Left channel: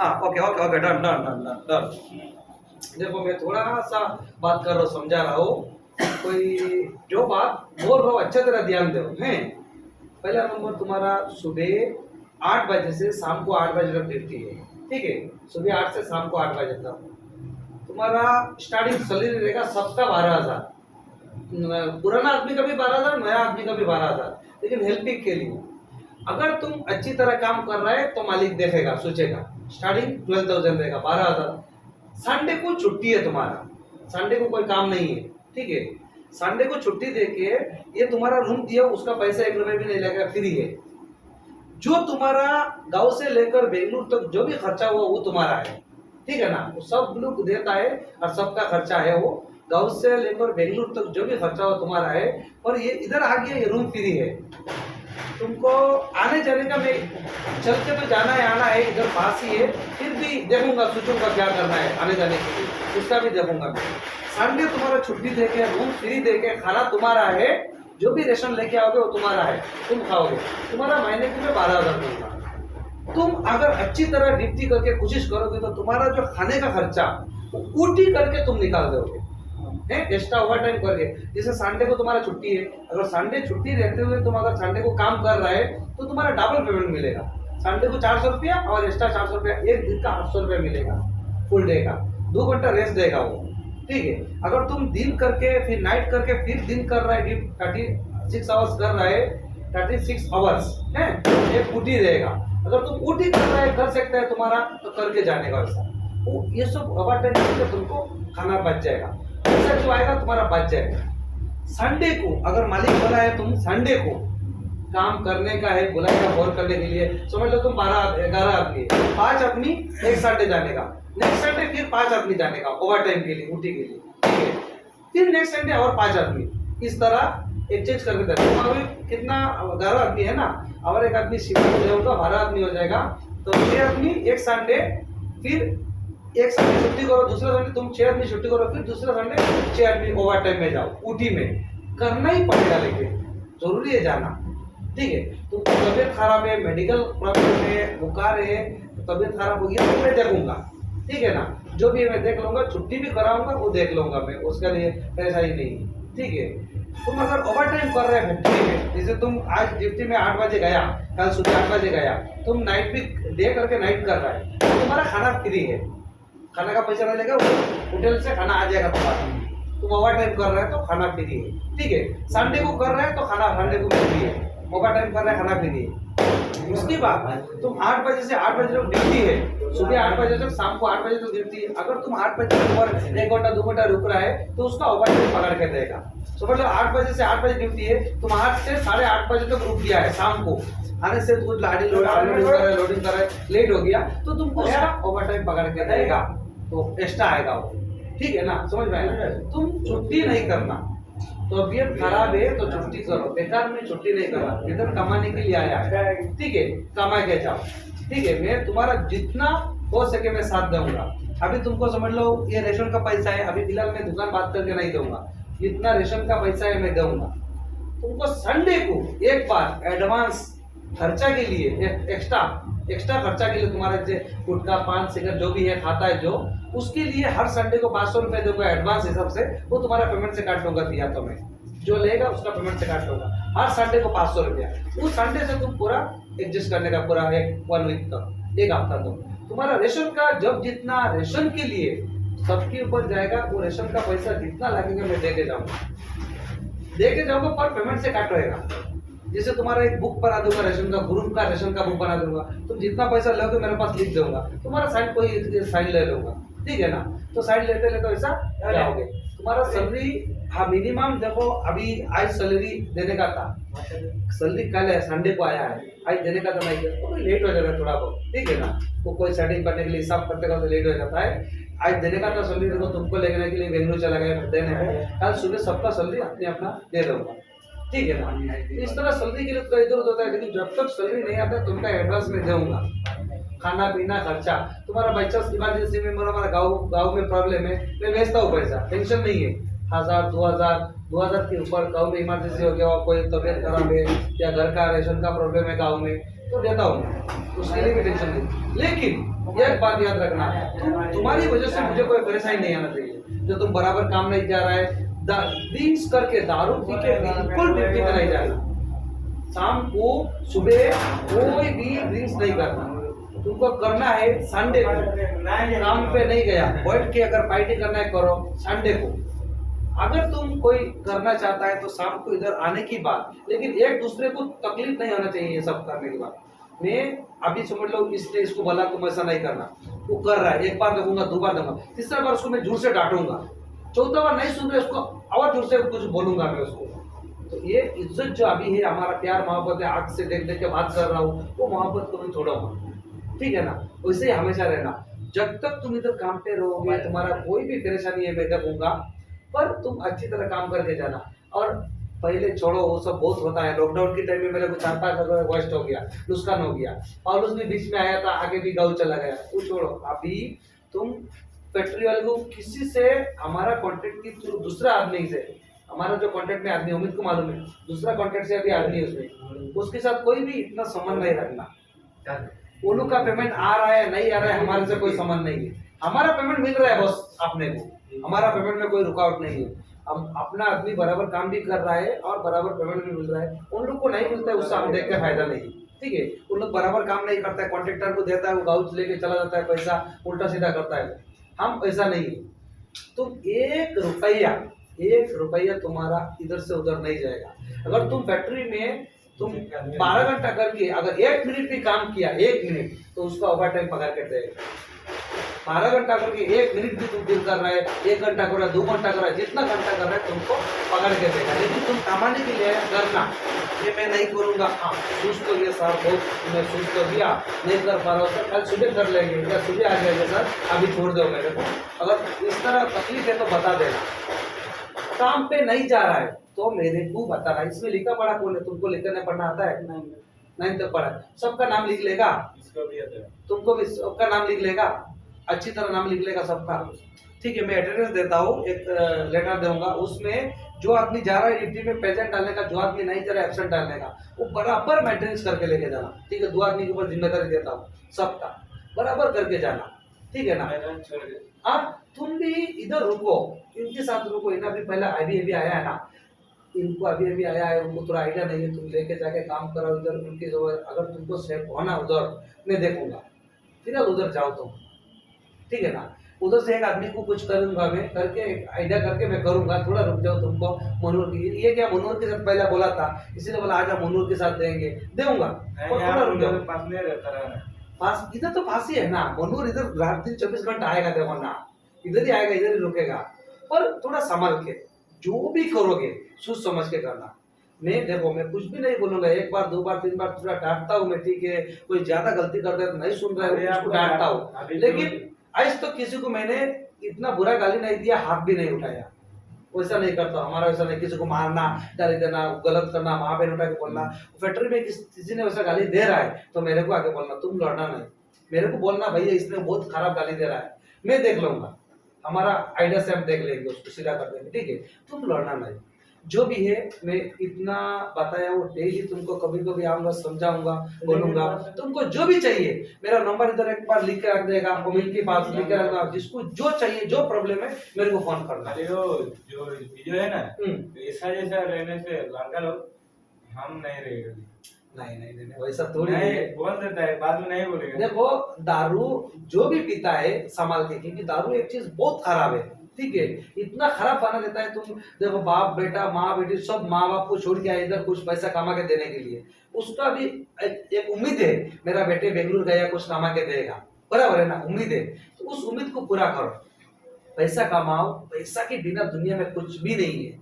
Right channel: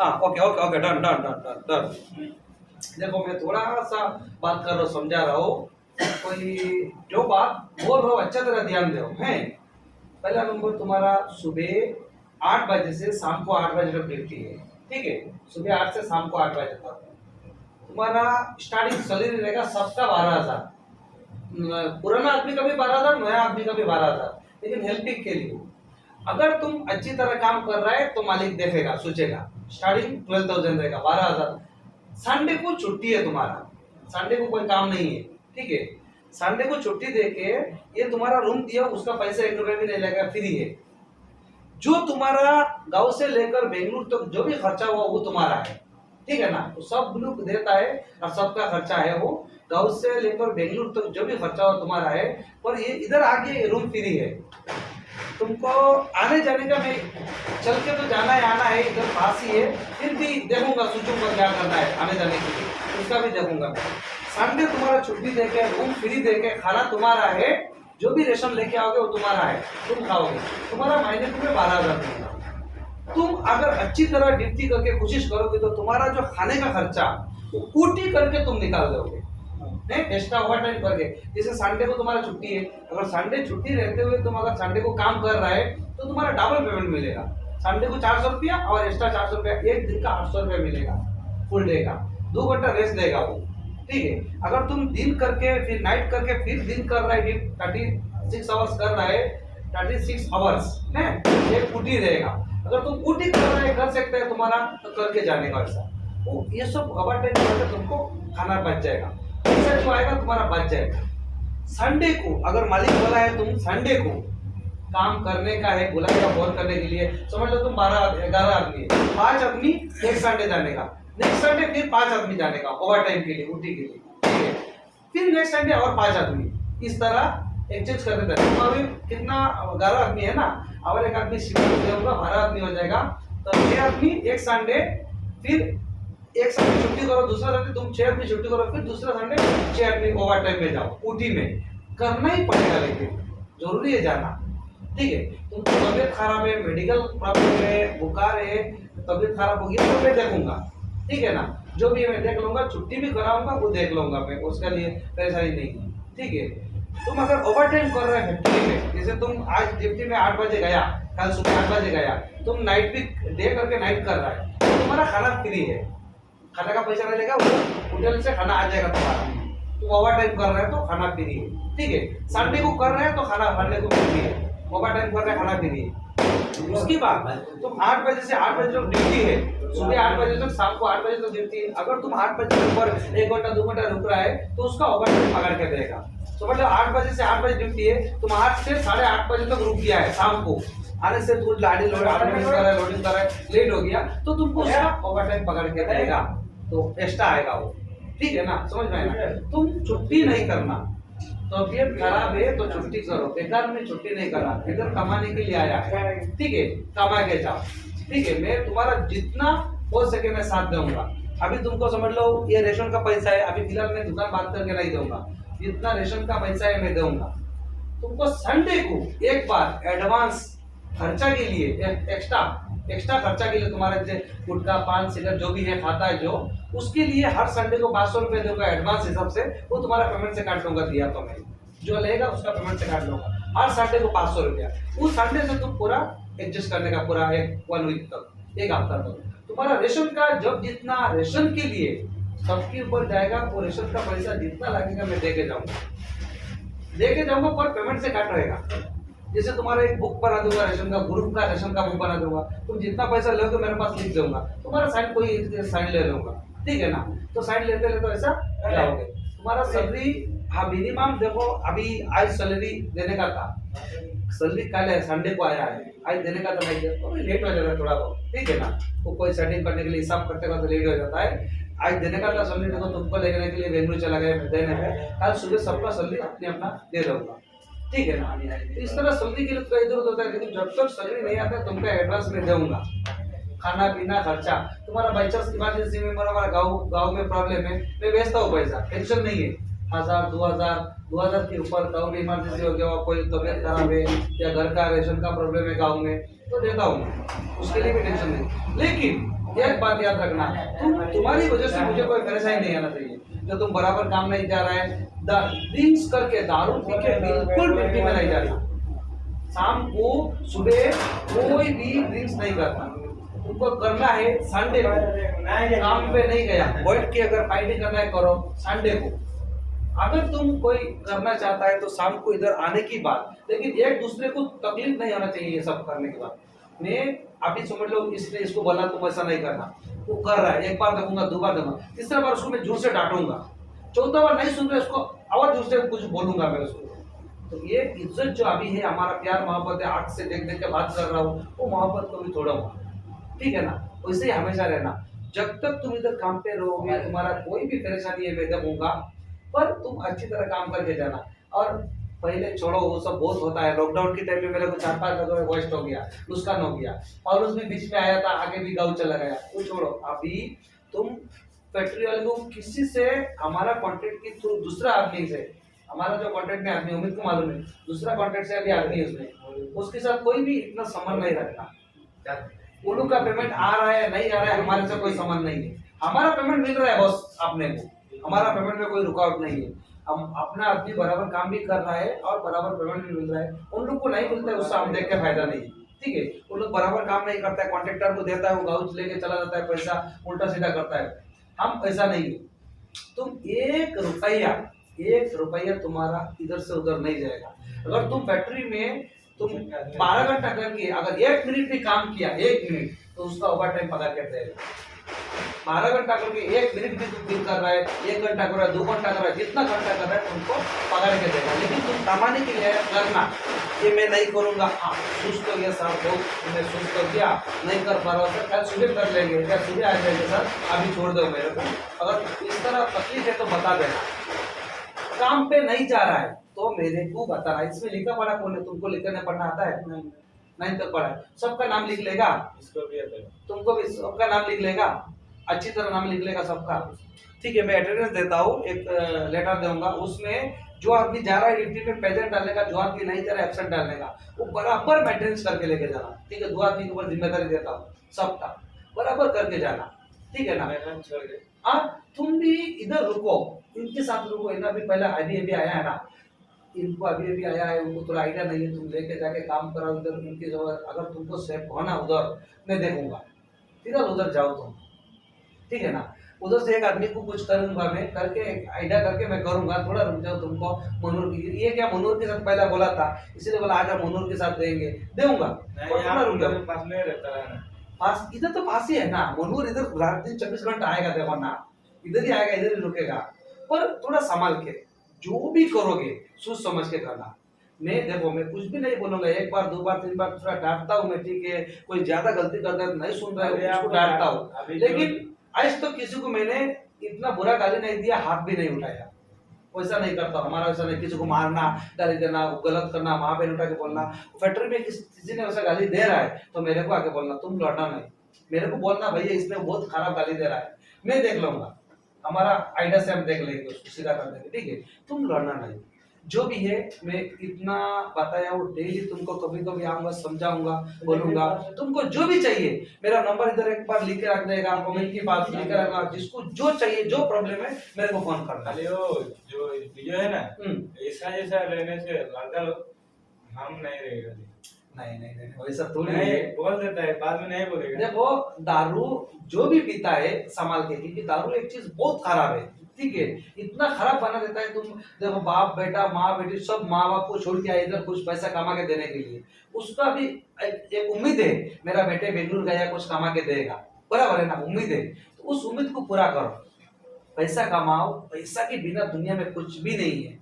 हाँ okay okay okay done done done done done. देखो मैं थोड़ा सा बात कर रहा हूँ, समझा रहा हूँ, कोई जो बात बोल रहा हूँ अच्छा तरह ध्यान दो हैं। पहला नंबर तुम्हारा सुबह 8 बजे से शाम को 8 बजे तक ड्यूटी है, ठीक है। सुबह 8 से शाम को 8 बजे तक तुम्हारा स्टार्टिंग सैलरी रहेगा सबका 12,000। पुराना आदमी का भी 12,000, नया आदमी का भी 12,000, लेकिन हेल्पिंग के लिए अगर तुम अच्छी तरह काम कर रहे हैं तो मालिक देखेगा, सोचेगा। स्टार्टिंग 12,000 रहेगा, 12,000। संडे को छुट्टी है तुम्हारा, संडे को कोई काम नहीं है, ठीक है। संडे को छुट्टी देके ये तुम्हारा रूम दिया, उसका पैसा 1 रुपए भी नहीं लगेगा, फ्री है। जो तुम्हारा गांव से लेकर बेंगलुरु तक जो भी खर्चा हुआ वो तुम्हारा है, ठीक है ना। वो सब लोग देता है और सबका खर्चा है वो। गांव से लेकर बेंगलुरु तक जो भी खर्चा हुआ तुम्हारा है। और ये इधर आके रूम फ्री है। तुमको आने जाने का, मैं चल के तो जाना है आना है, इधर पास ही है, फिर भी देखूंगा सोचूंगा क्या करना है आने जाने के लिए, उसका भी देखूंगा मैं। संडे तुम्हारा छुट्टी देके, रूम फ्री देके, खाना तुम्हारा है, जो भी रेशन लेके आओगे वो तुम्हारा है, तुम खाओगे। तुम्हारा महीने की में 12,000 दूंगा। तुम अगर अच्छी तरह ड्यूटी करके कोशिश करोगे तो तुम्हारा जो खाने का खर्चा वो ऊटी करके तुम निकाल दोगे, एक्स्ट्रा ओवर टाइम करके। जैसे संडे को तुम्हारा छुट्टी है, अगर संडे छुट्टी रहते हुए तुम अगर संडे को काम कर रहे हैं तो तुम्हारा डबल पेमेंट मिलेगा। संडे को 400 रुपया और एक्स्ट्रा 400 रुपया, एक दिन का 800 रुपया मिलेगा फुल डे का। 2 घंटा रेस्ट देगा वो, ठीक है। अगर तुम दिन करके फिर नाइट करके फिर दिन कर रहे हैं, 36 आवर्स कर रहे हैं, 36 आवर्स है, एक ऊटी रहेगा। अगर तुम ऊटी कर रहे हैं, कर सकते हैं तुम्हारा, तो करके जाने का वैसा। वो ये सब ओवर टाइम करके तुमको खाना बच जाएगा, पैसा जो आएगा तुम्हारा बच जाएगा। संडे को अगर मालिक बोला है तुम संडे को काम करने का है, बुलाएगा फोन करने के लिए, समझ लो तुम 11 आदमी है, 5 आदमी एक संडे जाने का, नेक्स्ट संडे फिर 5 आदमी जाने का ओवर टाइम के लिए, ड्यूटी के लिए, ठीक है। फिर नेक्स्ट संडे और 5 आदमी, इस तरह एक्सचेंज करके जाते। तुम अभी कितना 11 आदमी है ना, और एक आदमी शिफ्ट हो जाएगा, 12 आदमी हो जाएगा, तो 6 आदमी एक संडे, फिर एक संडे छुट्टी करो, दूसरा संडे तुम 6 आदमी छुट्टी करो, फिर दूसरा संडे 6 आदमी ओवर टाइम में जाओ, ऊटी में करना ही पड़ेगा, लेकिन जरूरी है जाना, ठीक है। तुमको तबियत खराब है, मेडिकल प्रॉब्लम है, बुखार है, तबियत खराब हो गया तो मैं देखूंगा, ठीक है ना। जो भी है मैं देख लूंगा, छुट्टी भी कराऊंगा वो देख लूंगा मैं, उसके लिए परेशानी नहीं, ठीक है। तुम अगर ओवर टाइम कर रहे हो फैक्ट्री में, जैसे तुम आज ड्यूटी में 8 बजे गया, कल सुबह 8 बजे गया, तुम नाइट भी डे करके नाइट कर रहा है, तो तुम्हारा खाना फ्री है, खाने का पैसा नहीं लेगा, होटल से खाना आ जाएगा तुम्हारा। तुम ओवर टाइम कर रहे हैं तो खाना फ्री है, ठीक है। संडे को कर रहे हैं तो खाना खाने को फ्री है, ओवर टाइम कर रहे हैं खाना फ्री है। उसके बाद तुम 8 बजे से 8 बजे तक ड्यूटी है, सुबह 8 बजे तक, शाम को 8 बजे तक ड्यूटी है। अगर तुम 8 बजे पर 1 घंटा 2 घंटा रुक रहा है तो उसका ओवर टाइम पकड़ के देगा। समझ लो 8 बजे से 8 बजे ड्यूटी है, तुम 8 से 8:30 बजे तक रुक गया है, शाम को आने से कुछ लोडिंग कर रहा है, लेट हो गया, तो तुमको ओवर टाइम पकड़ के देगा, तो एक्स्ट्रा आएगा वो, ठीक है ना, समझ में आया। तुम छुट्टी नहीं करना, तबियत खराब है तो छुट्टी करो, बेकार में छुट्टी नहीं करना, इधर कमाने के लिए आया है, ठीक है, कमा के जाओ, ठीक है। मैं तुम्हारा जितना हो सके मैं साथ दूंगा। अभी तुमको समझ लो ये रेशन का पैसा है, अभी फिलहाल मैं दुकान बात करके नहीं दूंगा, जितना रेशन का पैसा है मैं दूंगा तुमको। संडे को एक बार एडवांस खर्चा के लिए, एक्स्ट्रा खर्चा के लिए, तुम्हारा जो गुटखा पान सिगरेट जो भी है खाता है जो, उसके लिए हर संडे को 500 रुपए दूंगा एडवांस हिसाब से, वो तुम्हारा पेमेंट से काट लूंगा, दिया तो मैं जो लेगा उसका पेमेंट से काट लूंगा, हर संडे को 500 रुपया। उस संडे से तुम पूरा एडजस्ट करने का, पूरा 1 वीक तक, 1 हफ्ता तक तुम्हारा रेशन का, जब जितना रेशन के लिए सबके ऊपर जाएगा, वो रेशन का पैसा जितना लगेगा मैं देके जाऊंगा, पर पेमेंट से काट रहेगा। जैसे तुम्हारा एक बुक बना दूंगा रेशन का, ग्रुप का रेशन का बुक बना दूंगा, तुम जितना पैसा लोगे मेरे पास लिख दूंगा, तुम्हारा साइन कोई साइन ले लूंगा, ठीक है ना। तो साइन लेते लेते ऐसा जाओगे। तुम्हारा सैलरी, हाँ मिनिमम देखो, अभी आज सैलरी देने का था, सैलरी कल है, संडे को आया है, आज देने का था, नहीं दिया तो लेट हो जाएगा थोड़ा बहुत, ठीक है ना। वो कोई सेटिंग करने के लिए हिसाब करते तो लेट हो जाता है। आज देने का था सैलरी, देखो तुमको लेने के लिए बेंगलुरु चला गया देने में, कल सुबह सबका सैलरी अपने अपना दे दूंगा, ठीक है ना। इस तरह सैलरी के लिए तो इधर उधर होता है, लेकिन जब तक सैलरी नहीं आता तुमका एडवांस में दूंगा, खाना पीना खर्चा तुम्हारा। बाई चांस इमरजेंसी में हमारा गाँव में प्रॉब्लम है, मैं भेजता हूँ पैसा, टेंशन नहीं है, 1000 2000 के ऊपर गाँव में इमरजेंसी हो गया, कोई तबियत खराब है या घर का रेशन का प्रॉब्लम है गाँव में, तो देता हूँ, उसके लिए भी टेंशन नहीं। लेकिन एक बात याद रखना, तुम्हारी वजह से मुझे कोई परेशानी नहीं आना चाहिए। जो तुम बराबर काम नहीं जा रहा है, ड्रिंक्स करके, दारू पी के बिल्कुल ड्यूटी में नहीं जाना। शाम को सुबह कोई भी ड्रिंक्स नहीं करना। तुमको करना है संडे को, काम पे नहीं गया बैठ के अगर पार्टी करना है करो संडे को। अगर तुम कोई करना चाहता है तो शाम को इधर आने की बात, लेकिन एक दूसरे को तकलीफ नहीं होना चाहिए ये सब करने के बाद। मैं अभी समझ लो इसने इसको बोला तुम ऐसा नहीं करना, वो कर रहा है, एक बार दूंगा, दो बार दूंगा, तीसरा बार उसको मैं जोर से डांटूंगा, चौथा बार नहीं सुन रहे उसको और जोर से कुछ बोलूंगा मैं उसको। तो ये इज्जत जो अभी है, हमारा प्यार मोहब्बत है, आंख से देख देख के बात कर रहा हूँ, वो मोहब्बत को भी तोड़ूंगा, ठीक है ना। वैसे हमेशा रहना, जब तक तुम इधर काम पे रहोगे तुम्हारा कोई भी परेशानी है मैं देखूंगा, पर तुम अच्छी तरह काम करके जाना। और पहले छोड़ो वो सब बहुत होता है, लॉकडाउन के टाइम में मेरे को 4-5 जगह वेस्ट हो गया, नुकसान हो गया, और उसमें बीच में आया था, आगे भी गाँव चला गया, वो छोड़ो। अभी तुम फैक्ट्री वाले को किसी से हमारा कॉन्टेक्ट की दूसरा आदमी से, हमारा जो कॉन्टेक्ट में आदमी उम्मीद को मालूम है, दूसरा कॉन्टेक्ट से अभी आदमी है उसमें, उसके साथ कोई भी इतना संबंध नहीं रखना। वो लोग का पेमेंट आ रहा है नहीं आ रहा है हमारे से कोई संबंध नहीं है, हमारा पेमेंट मिल रहा है बस अपने को, हमारा पेमेंट में कोई रुकावट नहीं है। हम अपना आदमी बराबर काम भी कर रहा है और बराबर पेमेंट भी मिल रहा है, उन लोग को नहीं मिलता है उससे हम देख के फायदा नहीं, ठीक है। उन लोग बराबर काम नहीं करता है, कॉन्ट्रेक्टर को देता है, वो गाँव लेके चला जाता है, पैसा उल्टा सीधा करता है। हम ऐसा नहीं है, तुम एक रुपया तुम्हारा इधर से उधर नहीं जाएगा। अगर तुम फैक्ट्री में तुम 12 घंटा करके अगर 1 मिनट भी काम किया, 1 मिनट, तो उसका ओवर टाइम पगार के देगा। 12 घंटा करके 1 मिनट भी तुम बिल कर रहा है, 1 घंटा कर रहा है, 2 घंटा कर रहा है, जितना घंटा कर रहा है तुमको पगार के देगा। लेकिन तुम कमाने के लिए करना कि मैं नहीं करूंगा, हाँ सुस्त हो गया सर, बहुत मैं सुस्त हो गया, नहीं कर पा रहा हूँ सर, कल सुबह कर लेंगे या सुबह आ जाएंगे सर, अभी छोड़ दो मेरे को। अगर इस तरह तकलीफ है तो बता देना। काम पे नहीं जा रहा है तो मेरे को बता रहा है, इसमें लिखा पढ़ा कौन है? तुमको लिखना पढ़ना आता है? नहीं तक पढ़ा है, सबका नाम लिख लेगा, इसको भी आता है, तुमको भी सबका नाम लिख लेगा, अच्छी तरह नाम लिख लेगा सबका, ठीक है। मैं अटेंडेंस देता हूँ, एक लेटर दूंगा, उसमें जो आदमी जा रहा है ड्यूटी में प्रेजेंट डालने का, जो आदमी नहीं जा रहा है एब्सेंट डालने का, वो बराबर मेंटेनेंस करके लेके जाना, ठीक है। 2 आदमी के ऊपर जिम्मेदारी देता हूँ, सबका बराबर करके जाना, ठीक है ना। छोड़ दे। हाँ तुम भी इधर रुको, इनके साथ रुको, इन्हें भी पहले अभी आया है ना, इनको अभी आया है, उनको थोड़ा आइडिया नहीं है, तुम लेके जाके काम कराओ इधर उनकी जगह। अगर तुमको सेफ होना उधर, मैं देखूंगा, फिर उधर जाओ तुम, ठीक है ना। उधर से एक आदमी को कुछ करूंगा मैं, करके एक आइडिया करके मैं करूंगा, थोड़ा रुक जाओ, तुमको मनूर की ये क्या मनूर के साथ पहले बोला था, इसलिए बोला आज मनूर के साथ देंगे, दूंगा, थोड़ा रुक जाओ। पास में रहता है ना, पास इधर तो पास ही है ना, मनूर इधर रात दिन 24 घंटा आएगा, देखो ना, इधर ही आएगा, इधर ही रुकेगा, पर थोड़ा संभाल के जो भी करोगे सोच समझ के करना। मैं देखो मैं कुछ भी नहीं बोलूंगा, 1 बार 2 बार 3 बार थोड़ा डांटता हूँ मैं, ठीक है। कोई ज्यादा गलती करता है नहीं सुन रहा है उसको डांटता हूँ, लेकिन आज तो किसी को मैंने इतना बुरा गाली नहीं दिया, हाथ भी नहीं उठाया, वैसा नहीं करता। हमारा वैसा नहीं, किसी को मारना, गाली देना, गलत करना, माँ बहन उठा के बोलना। फैक्ट्री में किसी ने वैसा गाली दे रहा है तो मेरे को आके बोलना, तुम लड़ना नहीं, मेरे को बोलना भैया इसने बहुत खराब गाली दे रहा है, मैं देख लूंगा, हमारा आइडिया से हम देख लेंगे, उसको सीधा कर देंगे, ठीक है। तुम लड़ना नहीं, जो भी है मैं इतना बताया वो डेली तुमको कभी कभी आऊंगा, समझाऊंगा, बोलूंगा। तुमको जो भी चाहिए मेरा नंबर इधर एक बार लिख के रख देगा, कमेंट की बात लिख के रखना, जिसको जो चाहिए जो प्रॉब्लम है मेरे को फोन करना। खाली वो जो है ना, ऐसा जैसा रहने से लड़का लोग हम नहीं रहेगा। नहीं वैसा थोड़ी नहीं है, बोल देता है, बाद में नहीं बोलेगा। देखो दारू जो भी पीता है संभाल के, क्योंकि दारू एक चीज बहुत खराब है, ठीक है। इतना खराब बना देता है, तुम देखो बाप बेटा माँ बेटी सब माँ बाप को छोड़ के आए इधर कुछ पैसा कमा के देने के लिए, उसका भी एक उम्मीद है मेरा बेटे बेंगलुरु गया कुछ कमा के देगा, बराबर है ना, उम्मीद है, तो उस उम्मीद को पूरा करो, पैसा कमाओ। पैसा के बिना दुनिया में कुछ भी नहीं है,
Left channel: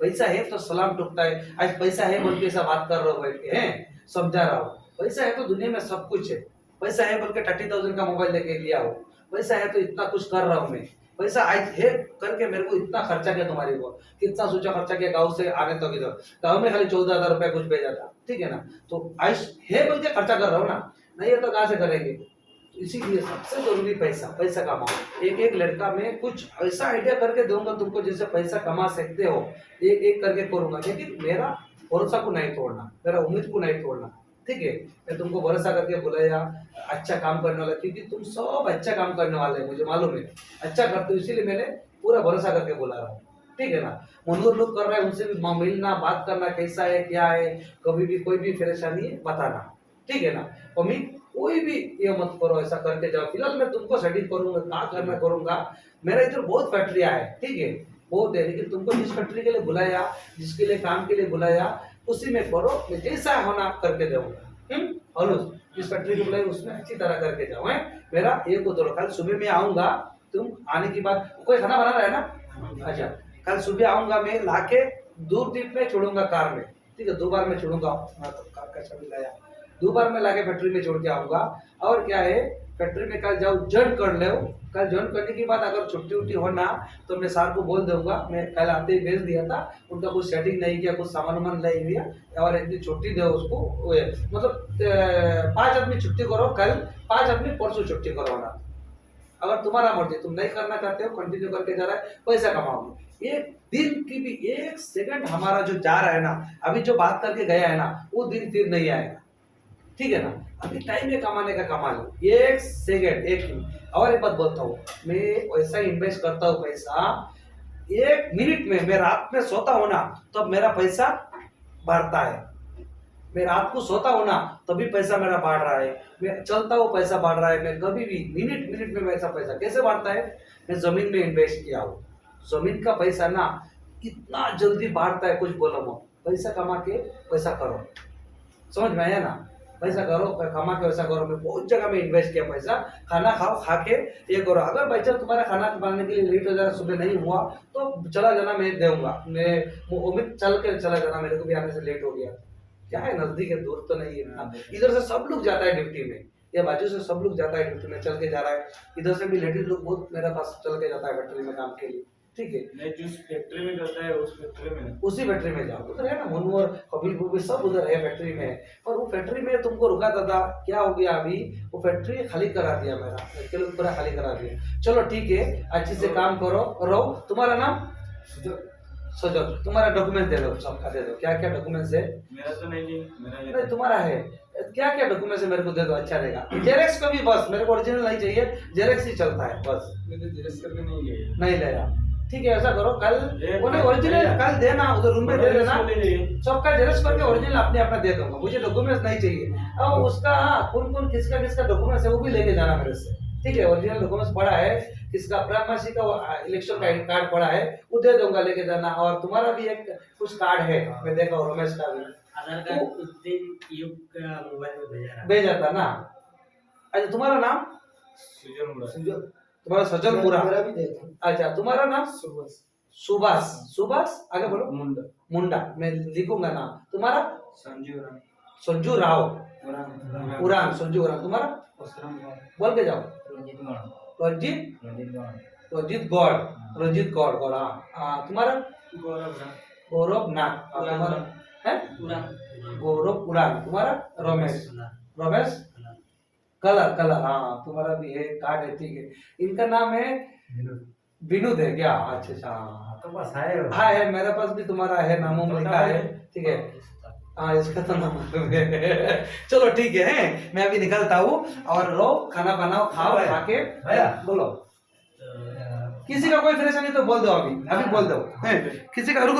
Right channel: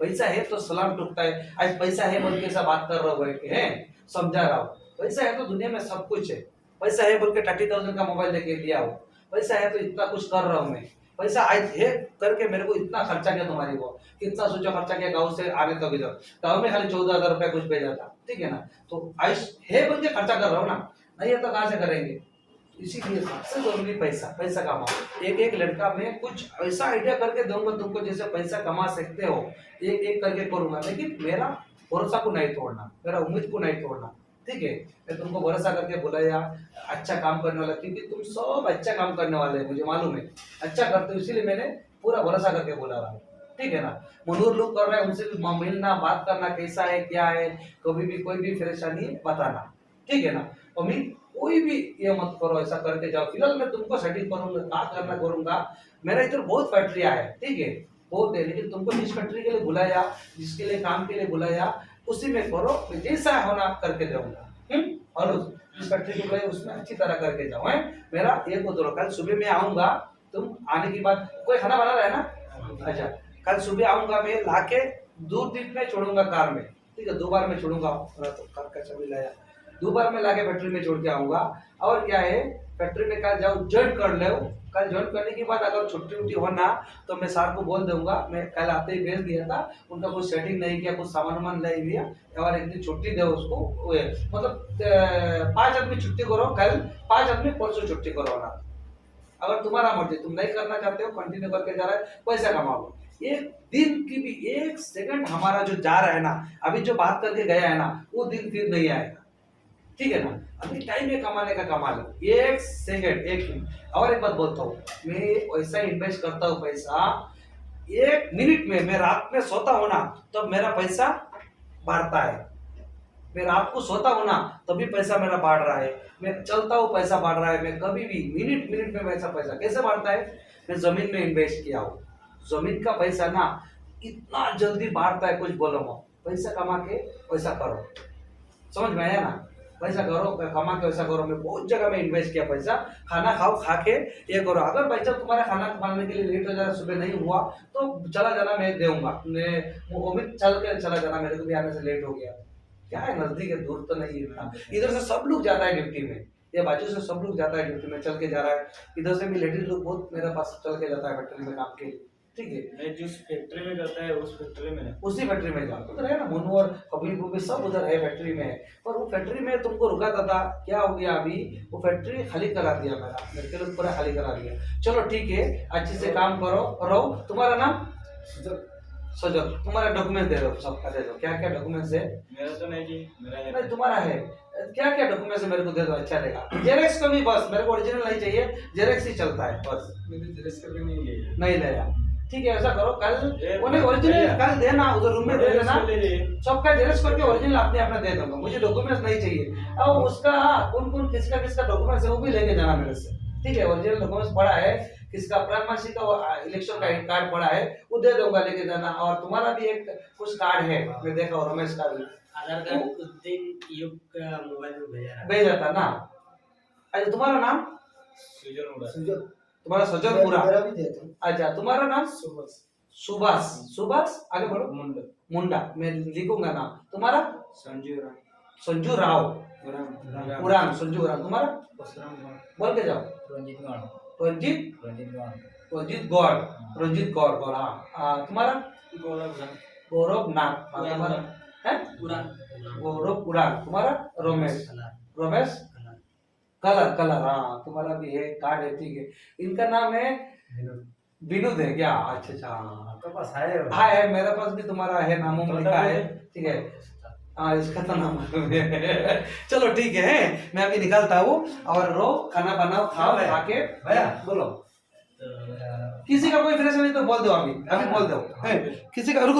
पैसा है तो सलाम ठुकता है। आज पैसा है बोल के ऐसा बात कर रहा हो बैठ के, हैं समझा रहा हूँ, पैसा है तो दुनिया में सब कुछ है। पैसा है बोल के 30,000 का मोबाइल लेके लिया हो, पैसा है तो इतना कुछ कर रहा हूँ मैं, पैसा आज है करके मेरे को इतना खर्चा किया तुम्हारी को, कितना सोचा खर्चा किया गाँव से आने तक, इधर गाँव में खाली 14,000 रुपया कुछ भेजा था, ठीक है ना। तो आज है बोल के खर्चा कर रहा हूँ ना, नहीं है तो कहाँ से करेंगे। इसीलिए सबसे जरूरी पैसा कमाओ। एक लड़का मैं कुछ ऐसा आइडिया करके दूंगा तुमको जैसे पैसा कमा सकते हो, एक करके करूंगा, लेकिन मेरा भरोसा को नहीं तोड़ना, मेरा उम्मीद को नहीं तोड़ना, ठीक है। मैं तुमको भरोसा करके बुलाया, अच्छा काम करने वाला, क्योंकि तुम सब अच्छा काम करने वाले हैं, मुझे मालूम है अच्छा करते हो, इसीलिए मैंने पूरा भरोसा करके बुला रहा हूँ, ठीक है ना। मनोहर लोग कर रहे हैं, उनसे भी मिलना, बात करना, कैसा है क्या है, कभी भी कोई भी परेशानी है बताना, ठीक है ना। अमित कोई भी ये मत करो, ऐसा करके जाओ, फिलहाल मैं तुमको सेटिंग करूंगा, क्या करना करूंगा। मेरा इधर बहुत फैक्ट्रियाँ है, ठीक है, बहुत है, लेकिन तुमको जिस फैक्ट्री के लिए बुलाया, जिसके लिए काम के लिए बुलाया, उसी में करो, मैं जैसा होना करके दूंगा। और जिस फैक्ट्री के बुलाया उसमें अच्छी तरह करके जाओ, है मेरा एक उतरो। कल सुबह में आऊंगा, तुम आने के बाद कोई खाना बना रहा है ना, अच्छा, कल सुबह आऊंगा, मैं लाके दूर दीप में छोड़ूंगा कार में, ठीक है, 2 बार में छोड़ूंगा, तो कार का चाबी लाया, 2 बार में लाके फैक्ट्री में छोड़ के आऊंगा। और क्या है, फैक्ट्री में कल जाओ, ज्वाइन कर लो, कल ज्वाइन करने के बाद अगर छुट्टी उट्टी होना तो मैं सर को बोल दूंगा, मैं कल आते ही भेज दिया था, उनका कुछ सेटिंग नहीं किया, कुछ सामान वामान नहीं दिया, और इतनी छुट्टी दो उसको, मतलब 5 आदमी छुट्टी करो कल, 5 आदमी परसों छुट्टी करो ना। अगर तुम्हारा मर्जी, तुम नहीं करना चाहते हो, कंटिन्यू करके जा रहा है, पैसा कमाओगे। एक दिन की भी 1 सेकंड हमारा जो जा रहा है ना, अभी जो बात करके गया है ना, वो दिन फिर नहीं आएगा, ठीक है ना। अभी टाइम है कमाने का, कमा लो 1 सेकंड, 1 मिनट। और एक बात बोलता हूँ, मैं वैसा इन्वेस्ट करता हूँ पैसा, 1 मिनट में, मैं रात में सोता हूँ ना तब तो मेरा पैसा बढ़ता है, मैं रात को सोता हूँ ना तभी पैसा मेरा बढ़ रहा है, मैं चलता हूँ पैसा बढ़ रहा है, मैं कभी भी मिनट मिनट में मेरा पैसा कैसे बढ़ता है, मैं जमीन में इन्वेस्ट किया हूँ। जमीन का पैसा ना इतना जल्दी बढ़ता है, कुछ बोलो मत, पैसा कमा के पैसा करो, समझ में आया ना, पैसा करो, कमा के पैसा करो। मैं बहुत जगह में इन्वेस्ट किया पैसा, खाना खाओ, खा के ये करो। अगर भाई जब तुम्हारा खाना बनाने के लिए लेट हो जाए, सुबह नहीं हुआ तो चला जाना, मैं दूंगा, मैं उम्मीद चल के चला जाना, मेरे को भी आने से लेट हो गया, क्या है नजदीक है, दूर तो नहीं है, इधर से सब लोग जाता है ड्यूटी में, ये बाजू से सब लोग जाता है ड्यूटी में, चल के जा रहा है, इधर से भी लेडीज लोग बहुत मेरे पास चल के जाता है फैक्ट्री में काम के लिए, ठीक है। नहीं, जिस फैक्ट्री में करता है उस फैक्ट्री में नहीं, उसी फैक्ट्री में जाओ, उधर है ना मनु और कपिलपुर भी सब उधर है फैक्ट्री में। पर वो फैक्ट्री में तुमको रुका था, क्या हो गया अभी, वो फैक्ट्री खाली करा दिया, मेरा लड़के लोग पूरा खाली करा दिया। चलो ठीक है, अच्छे से काम करो, रहो। तुम्हारा नाम सजल, तुम्हारा डॉक्यूमेंट दे दो, सबका दे दो, क्या क्या डॉक्यूमेंट्स है। मेरा तो नहीं जी, मेरा है नहीं तुम्हारा है, क्या क्या डॉक्यूमेंट्स है मेरे को दे दो, अच्छा रहेगा। जेरेक्स को भी बस, मेरे को ओरिजिनल नहीं चाहिए, जेरेक्स ही चलता है बस। मैंने जेरेक्स करके नहीं लिया, नहीं ले यार, ठीक है, ऐसा करो, कल उन्हें ओरिजिनल कल देना, उधर रूम में दे देना, सबका जेरक्स करके ओरिजिनल अपने अपना दे दूंगा, मुझे डॉक्यूमेंट्स नहीं चाहिए। अब उसका कौन कौन किसका किसका डॉक्यूमेंट्स है वो भी लेके जाना मेरे से, ठीक है, ओरिजिनल डॉक्यूमेंट्स पड़ा है, किसका प्राइमरी का इलेक्शन का कार्ड पड़ा है वो दे दूंगा, लेके जाना। और तुम्हारा भी एक कुछ कार्ड है, मैं देखा हूँ, रमेश का भी आधार कार्ड उस दिन युग का मोबाइल में भेजा था ना। अच्छा तुम्हारा नाम सुजन उड़ा, तुम्हारा सजल पूरा, मेरा भी दे दो। अच्छा तुम्हारा नाम सुभाष, सुभाष, सुभाष आगे बोलो, मुंडा, मुंडा, मैं लिखूंगा नाम। तुम्हारा संजू राम, संजू राव, उड़ान, उड़ान, संजू उड़ान। तुम्हारा बोल के जाओ, रंजीत गौड़, रंजीत, रंजीत गौड़, रंजीत गौड़, रंजीत गौड़, गौड़, हाँ। तुम्हारा गौरव राम, गौरव नाग, तुम्हारा है गौरव उड़ान। तुम्हारा रमेश, रमेश कलर, कलर, हाँ तुम्हारा भी है कार्ड है, ठीक है। इनका नाम है विनोद है क्या, अच्छा अच्छा, तो बस है, हाँ है, मेरे पास भी तुम्हारा है, नामों में लिखा है, ठीक है, हाँ इसका तो नाम है। चलो ठीक है, मैं अभी निकलता हूँ, और रो खाना बनाओ, खाओ, खा के भैया बोलो, किसी का कोई परेशानी तो बोल दो, अभी अभी बोल दो, किसी का रुको।